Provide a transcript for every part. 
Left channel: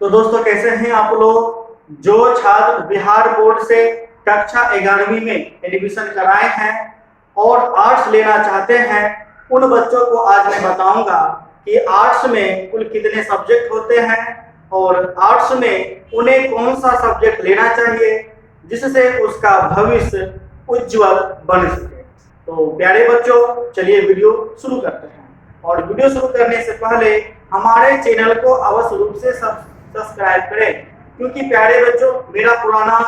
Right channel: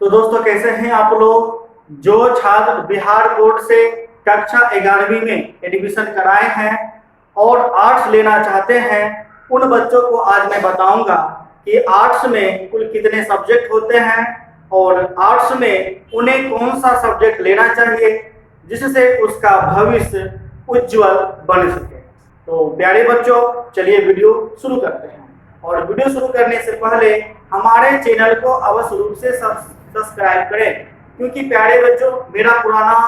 तो दोस्तों कैसे हैं आप लोग। जो छात्र बिहार बोर्ड से कक्षा 11वीं में एडमिशन कराए हैं और आर्ट्स लेना चाहते हैं, उन बच्चों को आज मैं बताऊंगा कि आर्ट्स में कुल कितने सब्जेक्ट होते हैं और आर्ट्स में उन्हें कौन सा सब्जेक्ट लेना चाहिए जिससे उसका भविष्य उज्जवल बन सके। तो प्यारे बच्चों, चलिए वीडियो शुरू करते हैं। और वीडियो शुरू करने से पहले हमारे चैनल को अवश्य रूप से सब्सक्राइब करें, क्योंकि प्यारे बच्चों मेरा पुराना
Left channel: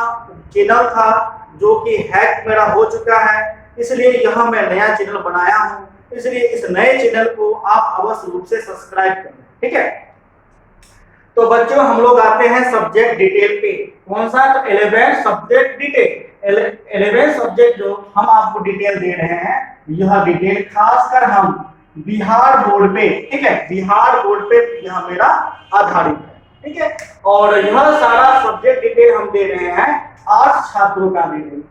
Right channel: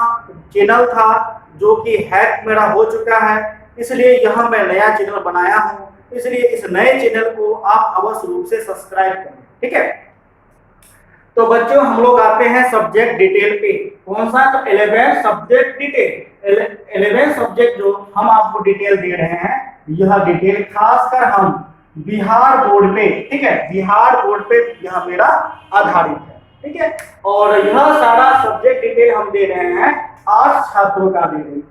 चैनल था जो कि हैक मेरा हो चुका है, इसलिए यह मैं नया चैनल बनाया हूं। इसलिए इस नए चैनल को आप अवश्य रूप से सब्सक्राइब करें, ठीक है। तो बच्चों हम लोग आते हैं सब्जेक्ट डिटेल पे। कौन सा? तो 11 सब्जेक्ट डिटेल। 11 सब्जेक्ट जो हम आपको डिटेल दे रहे हैं, यह डिटेल खासकर हम बिहार बोर्ड पे, ठीक है, बिहार बोर्ड पे यह मेरा आधारित है, ठीक है। और यह सारा सब्जेक्ट डिटेल हम दे रहे हैं आर्ट्स छात्रों का दे रहे हैं,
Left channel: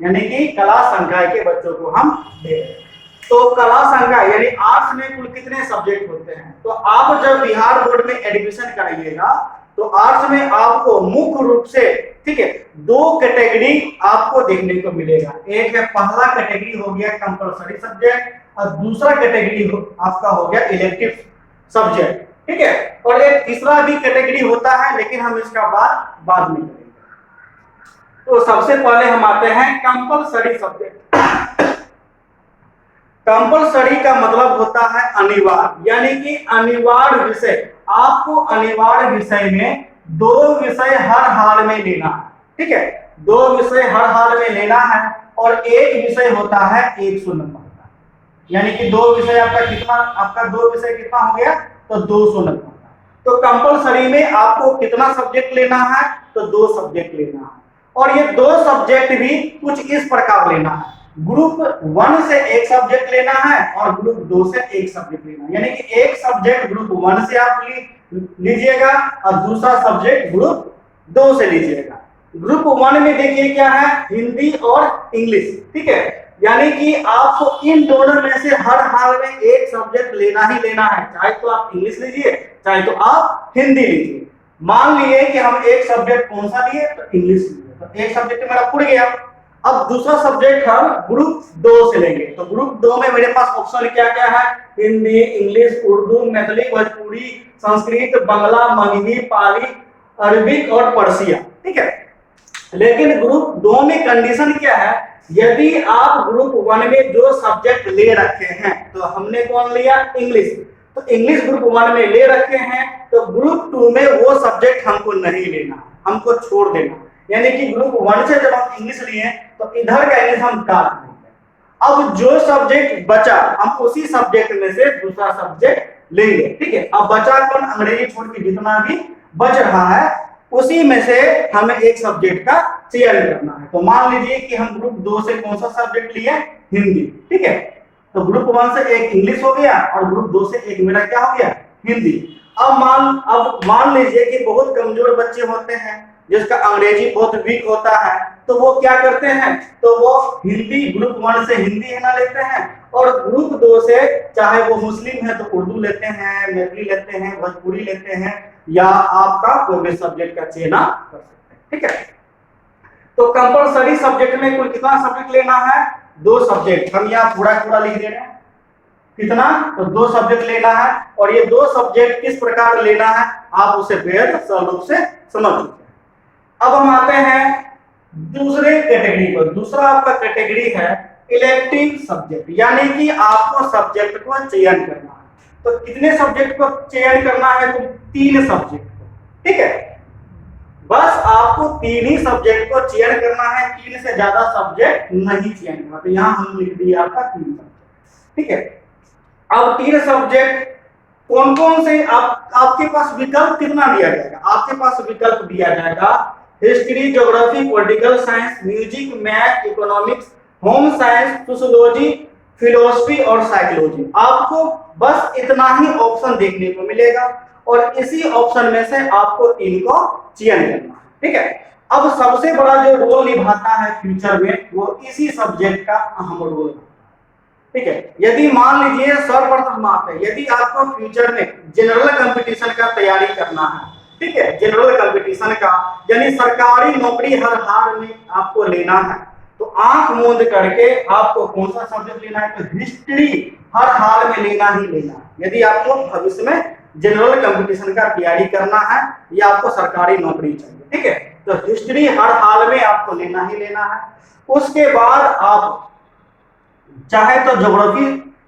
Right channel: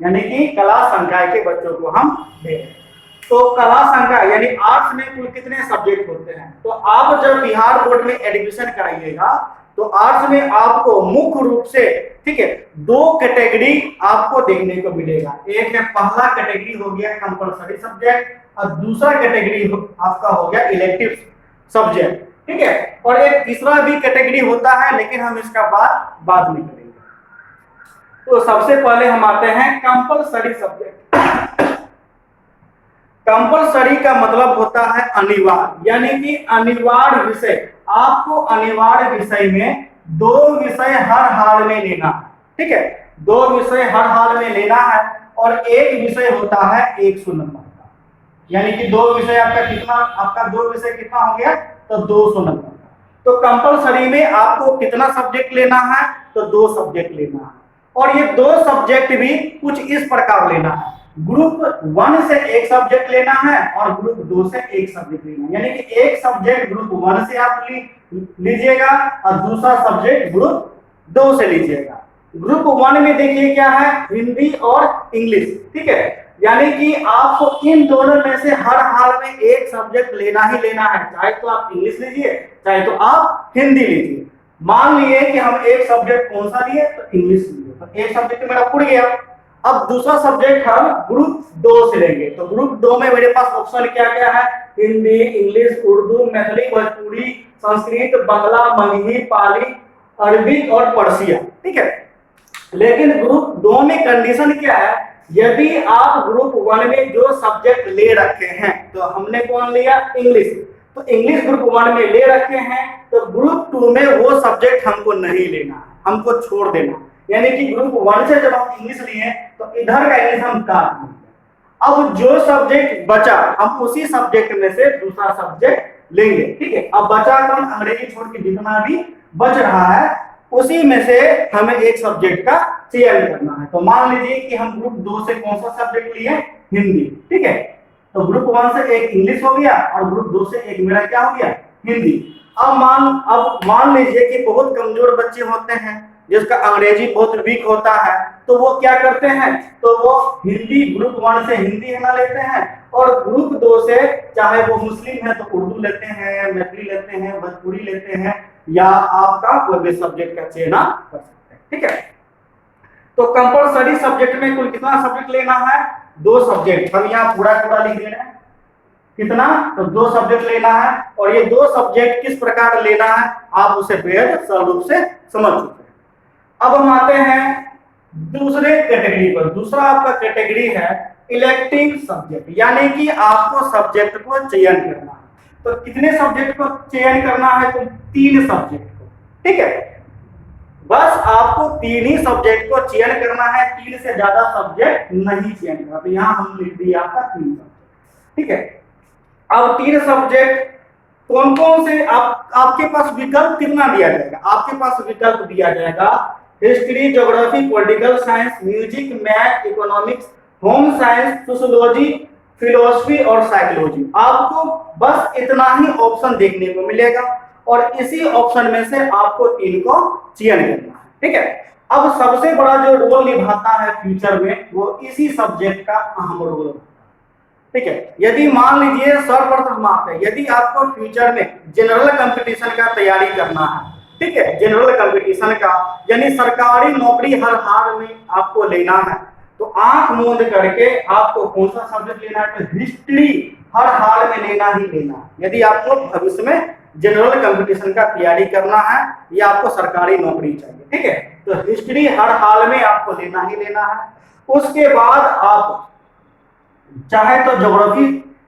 यानी कि कला संकाय के बच्चों को हम दे रहे हैं। तो कला संकाय यानी आर्ट्स में कुल कितने सब्जेक्ट होते हैं? तो आप जब बिहार बोर्ड में एडमिशन कराइएगा तो आर्ट्स में आपको मुख्य रूप से, ठीक है, 2 कैटेगरी आपको देखने को मिलेगा। एक है, पहला कैटेगरी हो गया कंपलसरी सब्जेक्ट और दूसरा कैटेगरी आपका हो गया इलेक्टिव सब्जेक्ट, ठीक है। और एक तीसरा भी कैटेगरी होता है, लेकिन हम इसका बात बाद में करेंगे। तो सबसे पहले हम आते हैं कंपलसरी सब्जेक्ट। कंपलसरी का मतलब होता है अनिवार्य, यानी कि अनिवार्य विषय। आपको अनिवार्य विषय में 2 विषय हर हाल में लेना है, ठीक है, 2 विषय हर हाल में लेना है। और एक विषय होता है 100 नंबर का, यानी कि 2 विषय आपका 2 विषय कितना हो गया? तो 200 नंबर का। तो कंपलसरी में आपको कितना सब्जेक्ट लेना है? तो 2 सब्जेक्ट लेना है। और ये 2 सब्जेक्ट भी कुछ इस प्रकार लेना है। ग्रुप 1 से एक सब्जेक्ट लेना है और ग्रुप 2 से एक सब्जेक्ट लेना है, यानी कि एक सब्जेक्ट ग्रुप 1 से आप लीजिएगा और दूसरा सब्जेक्ट ग्रुप 2 से लीजिएगा। ग्रुप 1 में देखिए क्या है, हिंदी और इंग्लिश, ठीक है, यानी कि आपको इन दोनों में से हर हाल में एक सब्जेक्ट लेना ही लेना है, चाहे तो आप इंग्लिश लीजिए चाहे तो आप हिंदी लीजिए। मान लिए कि हम एक सब्जेक्ट कौन सा लिए? तो इंग्लिश लिए, तो एक सब्जेक्ट मेरा उड़ गया। अब दूसरा सब्जेक्ट हम ग्रुप 2 से लेंगे। तो ग्रुप 2 में मेरे पास ऑप्शन क्या क्या है? हिंदी, इंग्लिश, उर्दू, मैथिली, भोजपुरी, संस्कृत, बांग्ला, मगही, पाली, अरबिक और पर्सिया, ठीक है। लेकिन ग्रुप 2 में कंडीशन क्या है? यदि आप ग्रुप 1 में जो सब्जेक्ट ले रखे हैं, तो हमने कौन लिया? इंग्लिश। तो इंग्लिश ग्रुप 1 में ले रखे हैं, तो ग्रुप 2 में वो सब्जेक्ट हमको नहीं लेना, हमको छोड़ देना। यानी कि ग्रुप 1 से जब हम इंग्लिश लिए तो इधर का इंग्लिश हम काट देंगे। अब जो सब्जेक्ट बचा हम उसी सब्जेक्ट में से दूसरा सब्जेक्ट लेंगे, ठीक है। अब बचा कौन? अंग्रेजी छोड़ के जितना भी बच रहा है उसी में से हमें एक सब्जेक्ट का चयन करना है। तो मान लीजिए कि हम ग्रुप 2 से कौन सा सब्जेक्ट लिए? हिंदी, ठीक है। तो ग्रुप 1 से एक इंग्लिश हो गया और ग्रुप 2 से एक मेरा क्या हो गया? हिंदी। अब मान लीजिए कि बहुत कमजोर बच्चे होते हैं जिसका अंग्रेजी बहुत वीक होता है, तो वो क्या करते हैं? तो वो हिंदी ग्रुप 1 से हिंदी है ना लेते हैं, और ग्रुप 2 से चाहे वो मुस्लिम है तो उर्दू लेते हैं, मैथिली लेते हैं, भोजपुरी लेते हैं, या आपका कोई भी सब्जेक्ट का चयन कर सकते हैं, ठीक है। तो कंपलसरी सब्जेक्ट में कुल कितना सब्जेक्ट लेना है? 2 सब्जेक्ट। हम यहाँ पूरा लिख दे रहे हैं। कितना? तो 2 सब्जेक्ट लेना है। और ये 2 सब्जेक्ट किस प्रकार लेना है आप उसे बेहद सरल रूप से समझ चुके हैं। अब हम आते हैं दूसरे कैटेगरी पर। दूसरा आपका कैटेगरी है इलेक्टिव सब्जेक्ट, यानी कि आपको सब्जेक्ट को चयन करना है। तो कितने सब्जेक्ट को चयन करना है? तो 3 सब्जेक्ट को, ठीक है। बस आपको 3 ही सब्जेक्ट को चयन करना है, 3 से ज्यादा सब्जेक्ट नहीं चयन करना। तो यहां हम लिख दिए आपका 3 सब्जेक्ट, ठीक है। अब 3 सब्जेक्ट कौन कौन से? आपके पास विकल्प कितना दिया जाएगा? आपके पास विकल्प दिया जाएगा history, geography, political science, music, math, economics, home science, sociology, philosophy और साइकोलॉजी। आपको बस इतना ही ऑप्शन देखने को मिलेगा और इसी ऑप्शन में से आपको 3 को चयन करना है, ठीक है। अब सबसे बड़ा जो रोल निभाता है फ्यूचर में वो इसी सब्जेक्ट का अहम रोल है, ठीक है। यदि मान लीजिए सर्वप्रथम आप है, यदि आपको फ्यूचर में जनरल कंपटीशन का तैयारी करना है ठीक है, जनरल कंपटीशन का, यानी सरकारी नौकरी हर हाल में आपको लेना है तो आंख मूंद करके आपको कौन सा सब्जेक्ट लेना है, तो हिस्ट्री हर हाल में लेना ही लेना है। यदि आपको भविष्य में जनरल कंपटीशन का तैयारी करना है या आपको सरकारी नौकरी चाहिए, ठीक है, तो हिस्ट्री हर हाल में आपको लेना ही लेना है। उसके बाद आप चाहे तो ज्योग्राफी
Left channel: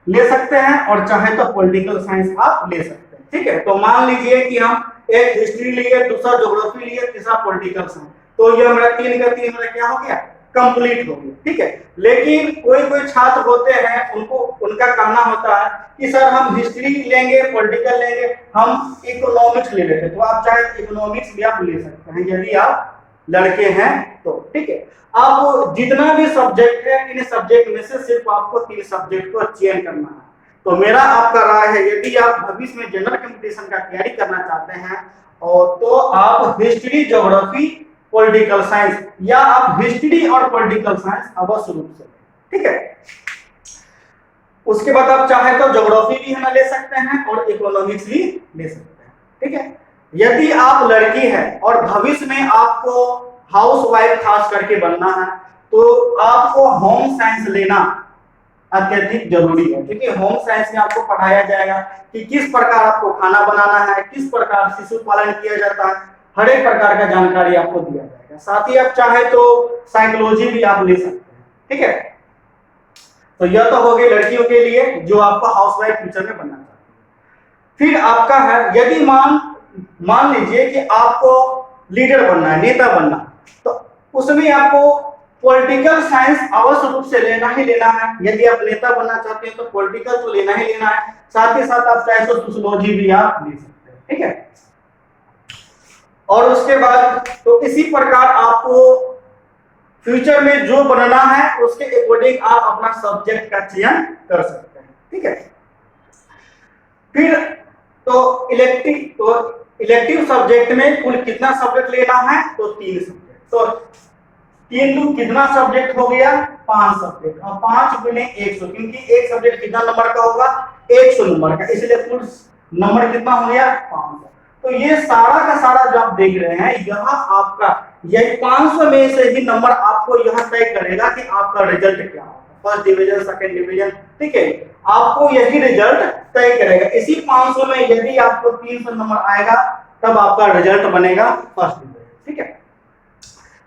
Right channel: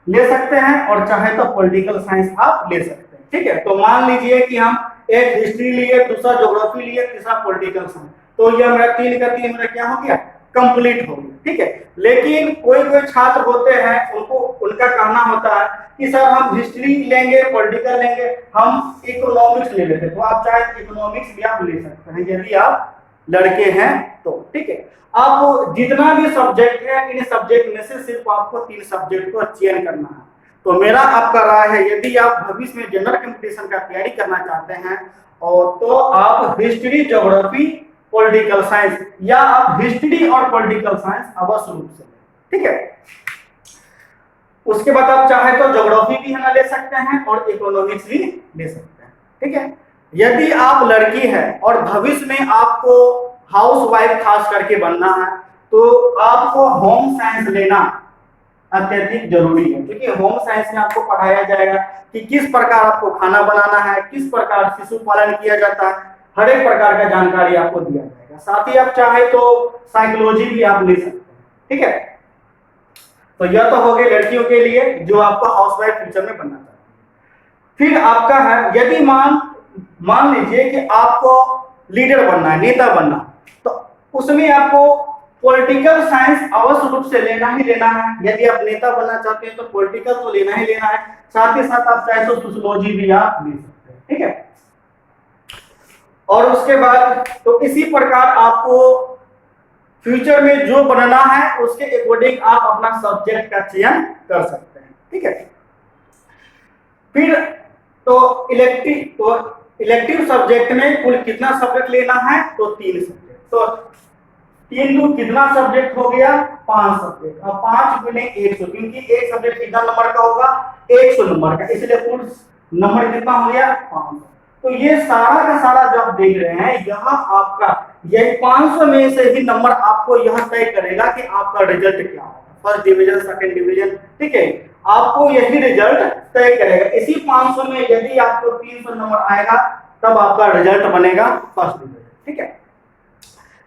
ले सकते हैं और चाहे तो पॉलिटिकल साइंस आप ले सकते हैं, ठीक है। तो मान लीजिए कि हम एक हिस्ट्री लिए, दूसरा ज्योग्राफी लिए, तीसरा पॉलिटिकल साइंस, तो ये हमारा 3 का 3 मेरा क्या हो गया, कंप्लीट हो गया, ठीक है। लेकिन कोई कोई छात्र होते हैं उनको उनका कहना होता है कि सर हम हिस्ट्री लेंगे, पॉलिटिकल लेंगे, हम इकोनॉमिक्स ले लेते, तो आप चाहे इकोनॉमिक्स भी आप ले सकते हैं यदि आप लड़के हैं तो, ठीक है। आप जितना भी सब्जेक्ट है इन सब्जेक्ट में से सिर्फ आपको 3 सब्जेक्ट को चयन करना है। तो मेरा आपका राय है यदि आप भविष्य में जनरल कंपटीशन का तैयारी करना चाहते हैं और तो आप हिस्ट्री, ज्योग्राफी, पॉलिटिकल साइंस या आप हिस्ट्री और पॉलिटिकल साइंस अवश्य रूप से, ठीक है। उसके बाद आप चाहे तो ज्योग्राफी भी है ना ले सकते हैं और इकोनॉमिक्स भी ले सकते हैं, ठीक है। यदि आप लड़की है और भविष्य में आपको हाउसवाइफ खास करके बनना है तो आपको होम साइंस लेना अत्यधिक जरूरी है, क्योंकि होम साइंस में आपको पढ़ाया जाएगा कि किस प्रकार आपको खाना बनाना है, किस प्रकार शिशु पालन किया जाता है, हर एक प्रकार का जानकारी आपको दिया जाएगा। साथ ही आप चाहे तो साइकोलॉजी भी आप ले सकते हैं, ठीक है। तो यह तो हो गई लड़कियों के लिए जो आपको हाउसवाइफ फ्यूचर में बनना चाहती है। फिर आपका है यदि मान लीजिए कि आपको लीडर बनना है, नेता बनना, तो उसमें आपको पॉलिटिकल साइंस अवश्य रूप से लेना ही लेना है। यदि आप नेता बनना चाहते हैं तो पॉलिटिकल तो लेना ही लेना है, साथ ही साथ आप चाहे तो सोशियोलॉजी भी आप ले सकते हैं, ठीक है। और उसके बाद तो इसी प्रकार आपको फ्यूचर में जो बनना है उसके अकॉर्डिंग आप अपना सब्जेक्ट का चयन कर सकते हैं, ठीक है। फिर तो इलेक्टिव सब्जेक्ट में कुल कितना सब्जेक्ट लेना है, तो 3 सब्जेक्ट, तो 3 कितना सब्जेक्ट हो गया, 5 सब्जेक्ट। अब 5 गुने 100, क्योंकि एक सब्जेक्ट कितना नंबर का होगा, 100 नंबर का, इसलिए कुल नंबर कितना हो गया, 500। तो ये सारा का सारा जो आप देख रहे हैं यह आपका यही 500 में से ही नंबर आपको यह तय करेगा कि आपका रिजल्ट क्या होगा, फर्स्ट डिवीजन, सेकंड डिवीजन, ठीक है। आपको यही रिजल्ट तय करेगा। इसी 500 में यदि आपको 300 नंबर आएगा तब आपका रिजल्ट बनेगा फर्स्ट डिवीजन, ठीक है।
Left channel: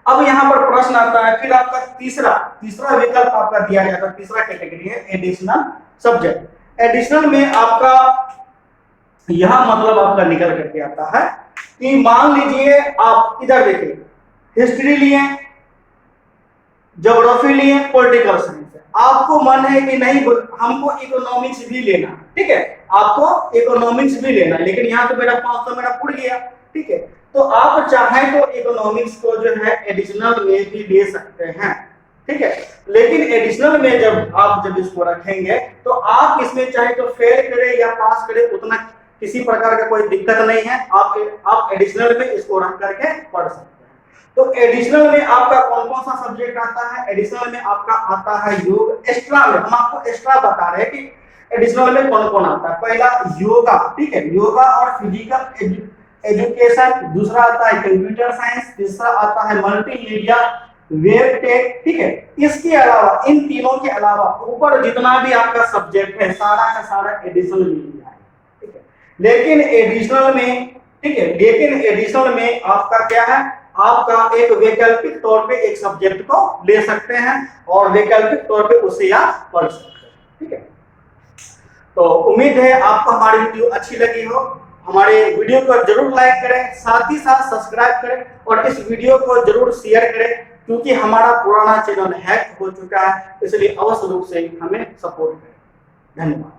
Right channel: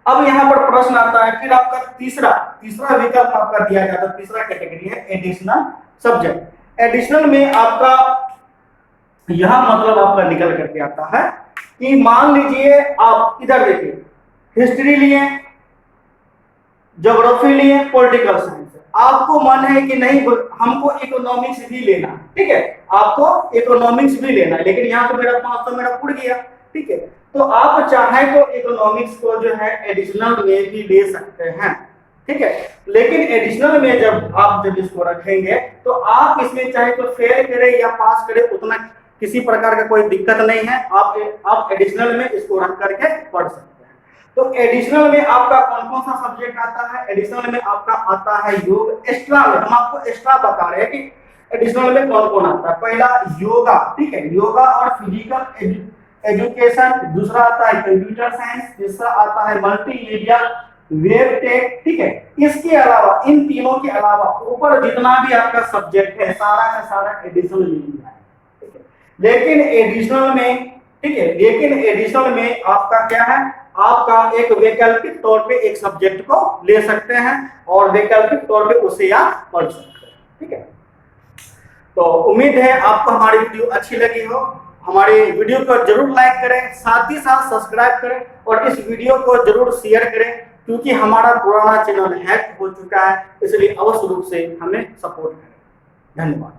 अब यहाँ पर प्रश्न आता है, फिर आपका तीसरा विकल्प आपका दिया जाता है, तीसरा कैटेगरी है एडिशनल सब्जेक्ट। एडिशनल में आपका यह मतलब आपका निकल करके आता है कि मान लीजिए आप इधर देखिए, हिस्ट्री लिए, ज्योग्राफी लिए, पॉलिटिकल साइंस, आपको मन है कि नहीं हमको इकोनॉमिक्स भी लेना, ठीक है, आपको इकोनॉमिक्स भी लेना है, लेकिन यहाँ तो मेरा 500 मेरा उड़ गया, ठीक है। तो आप चाहे तो इकोनॉमिक्स को जो है एडिशनल में भी ले सकते हैं, ठीक है। लेकिन एडिशनल में जब इसको रखेंगे तो आप इसमें चाहे तो फेल करें या पास करें, उतना किसी प्रकार का कोई दिक्कत नहीं है। आप एडिशनल में इसको रख करके पढ़ सकते हैं। तो एडिशनल में आपका कौन कौन सा सब्जेक्ट आता है, एडिशनल में आपका आता है योग। एक्स्ट्रा में हम आपको एक्स्ट्रा बता रहे हैं कि एडिशनल में कौन कौन आता है। पहला योगा, ठीक है, योगा और फिजिकल एजुकेशन, दूसरा आता है कंप्यूटर साइंस, तीसरा आता है मल्टीमीडिया, वेब टेक, ठीक है। इसके अलावा इन तीनों के अलावा ऊपर जितना भी आपका सब्जेक्ट है सारा का सारा एडिशनल में लिया है, ठीक है। लेकिन एडिशनल में, ठीक है, लेकिन एडिशनल में आपका क्या है, आपका एक वैकल्पिक तौर पे एक सब्जेक्ट को ले सकते हैं और वैकल्पिक तौर पे उसे आप पढ़ सकते हैं, ठीक है। तो उम्मीद है आपको हमारी वीडियो अच्छी लगी हो। हमारे वीडियो को जरूर लाइक करें, साथ ही साथ सब्सक्राइब करें और इस वीडियो को जरूर शेयर करें, क्योंकि हमारा पुराना चैनल हैक हो चुका है, इसलिए अवश्य रूप से हमें सपोर्ट करें। धन्यवाद।